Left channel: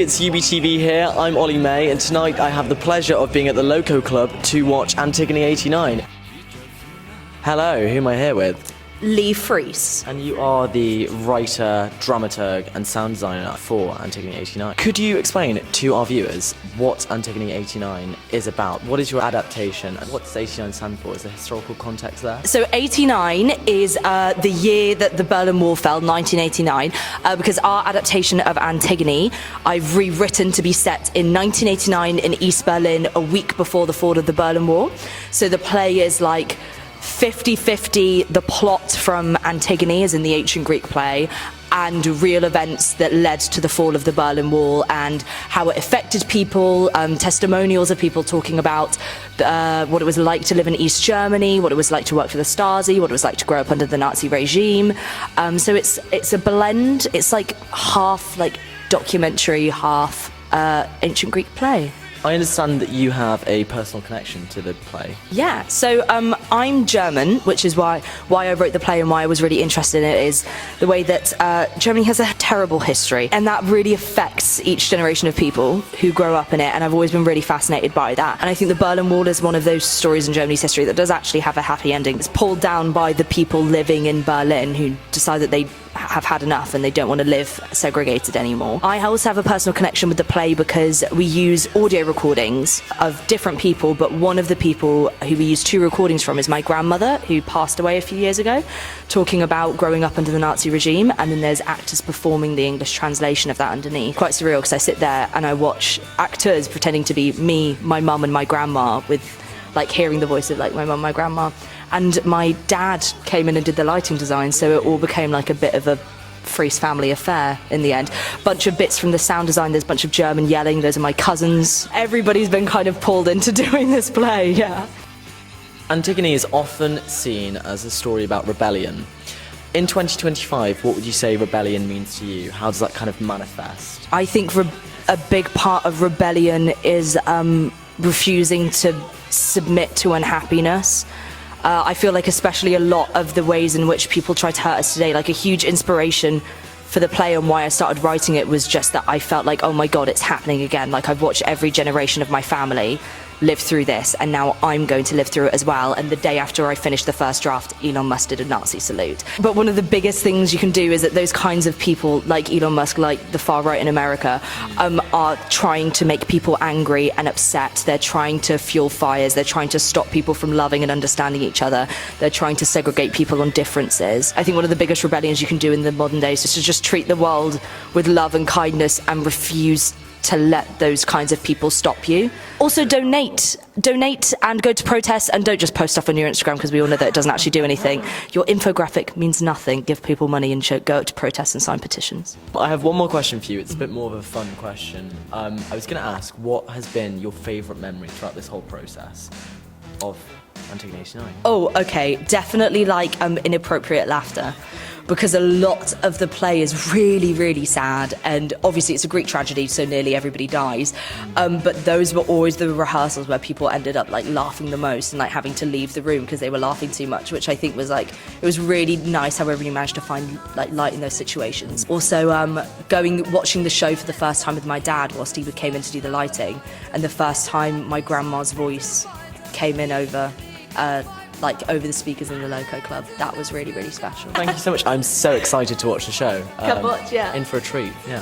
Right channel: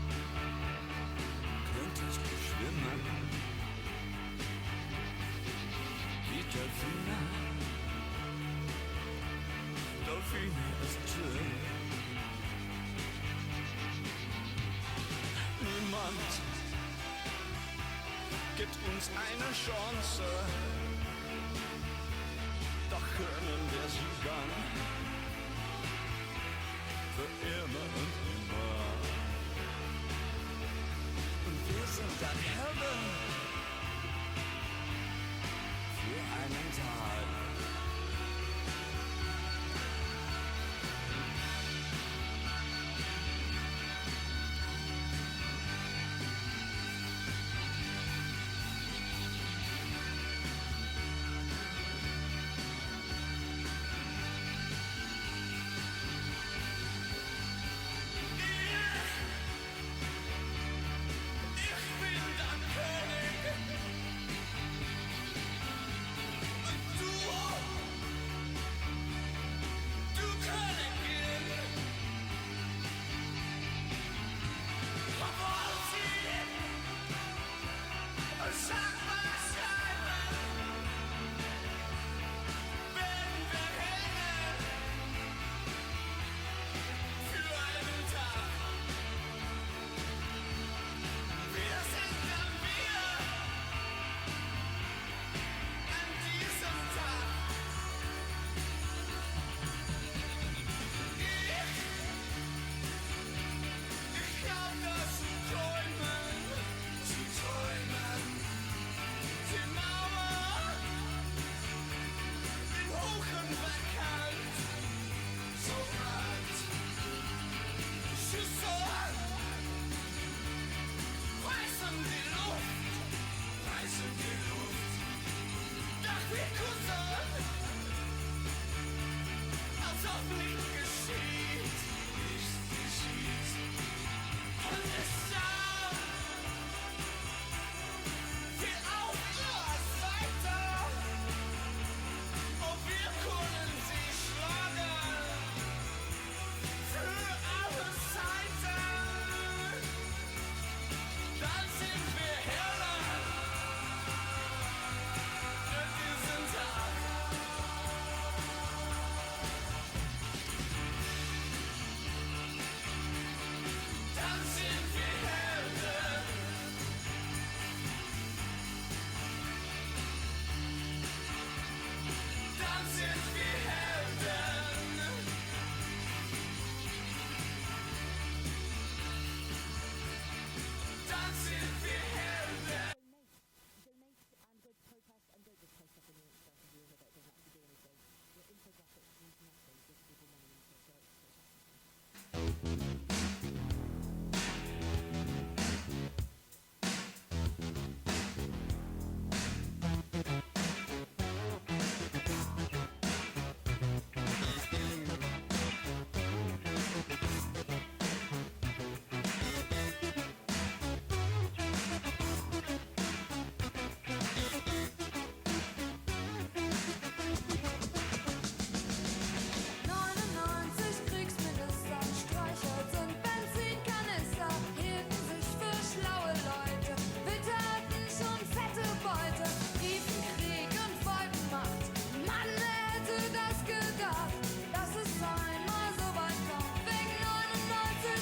it's UBTV here. I'm Oli May, and tonight I have the pleasure of being at the Loco Club to watch Antigone 89. Hello, who am I here with? Li Freiss. And you are the writer, dramaturg and sound designer for Antigone 89. Could you explain to our viewers what Antigone 89 is about? What is your adaptation and what does 89 stand for? Is there historical context there? So 89 is the year that the Berlin Wall fell, 1989, because our adaptation of Antigone, I've rewritten to be set in 1989 in East Berlin, a week before the fall of the Berlin Wall. So the play is like 50-50 the plot from Antigone, as in the ancient Greek play, and real events that led to the fall of the Berlin Wall and how it affected people, testimonials of people talking about what it was like to live in East Germany, what it was like to work for the Stasi, what it was like to grow up under the Nazi regime. So it's a blend. It's like half like documentary, half ancient Greek play. I understand that you have a personal connection to the play. Yeah, so I'm German, which is why I wrote the play and why I was really interested in it is the way that Germany has a terrible history, and that really affects each generation of people who grow up in it, and I've always been really fascinated by that. And I think the Berlin Wall is one of those stories in Germany's history that does actually have a happy ending. It's pulled down by the people living in Berlin who decide that they have had enough and they don't want to live segregated anymore. I also have a personal connection with the play because we use audio recordings of different people, but one of the people who we use two recordings from is my grandmother, who passed away a few years ago, talking about growing up under the Nazi regime, and then there's actors performing the English translation of that underneath. Quite surreal because I sit there and I watch actors pretending to be me, my mum and my grandma, with like hearing the voice of like my mum, my grandma. And my dad came in and did the lighting design, so it all became like a bit of a Freiss family affair in the end. Bunch of bits from the sound design, there's a bunch of German yelling, those are my cousins. Everybody's been kind of pulled into doing this play, yeah. Antigone is often seen as a story about rebellion. In 2025, what would you say rebellion means to you? How does that kind of manifest? I think a big part of rebellion is refusing to submit to unhappiness. I feel like especially a lot of the ways in which people try to hurt us today, like a huge inspiration for the play and why I started writing it was just that I felt like, oh my God, it's happening again. Like I've watched every generation of my family live through this, and now I'm going to live through it as well. And the day after I finished the first draft, Elon Musk did a Nazi salute. But one of the biggest things you can do is that those kinds of people, like Elon Musk, like the far right in America, are trying to make people angry and upset. They're trying to fuel fires. They're trying to stop people from loving and understanding each other. They're trying to segregate people on differences. I think one of the biggest rebellions you can do in the modern days is to just treat the world with love and kindness and refuse to let those kinds of people stop you. Also donate and go to protests, and don't just post stuff on your Instagram because we all know that it doesn't actually do anything. Your infographic means nothing. Give people money and go up to protests and sign petitions. I have one more question for you. It's a bit more of a fun question. I was going to ask, what has been your favourite memory throughout this whole process of Antigone 89? Oh, okay, definitely like inappropriate laughter, because a lot of the play is really, really sad, and obviously it's a Greek tragedy, so nearly everybody dies. But those were always the rehearsals where people ended up like laughing the most and like having to leave the room because they were laughing too much, which I think was like, it was really nice how everybody managed to find like light in those situations. Also, watching the show for the first time with my dad whilst he came in to do the lighting, and the first time my grandma's voice came in over the speakers in the Loco Club. That was really, really special. Thank you so much. I'm so excited to watch the show. Come watch, yeah. In for a treat, yeah.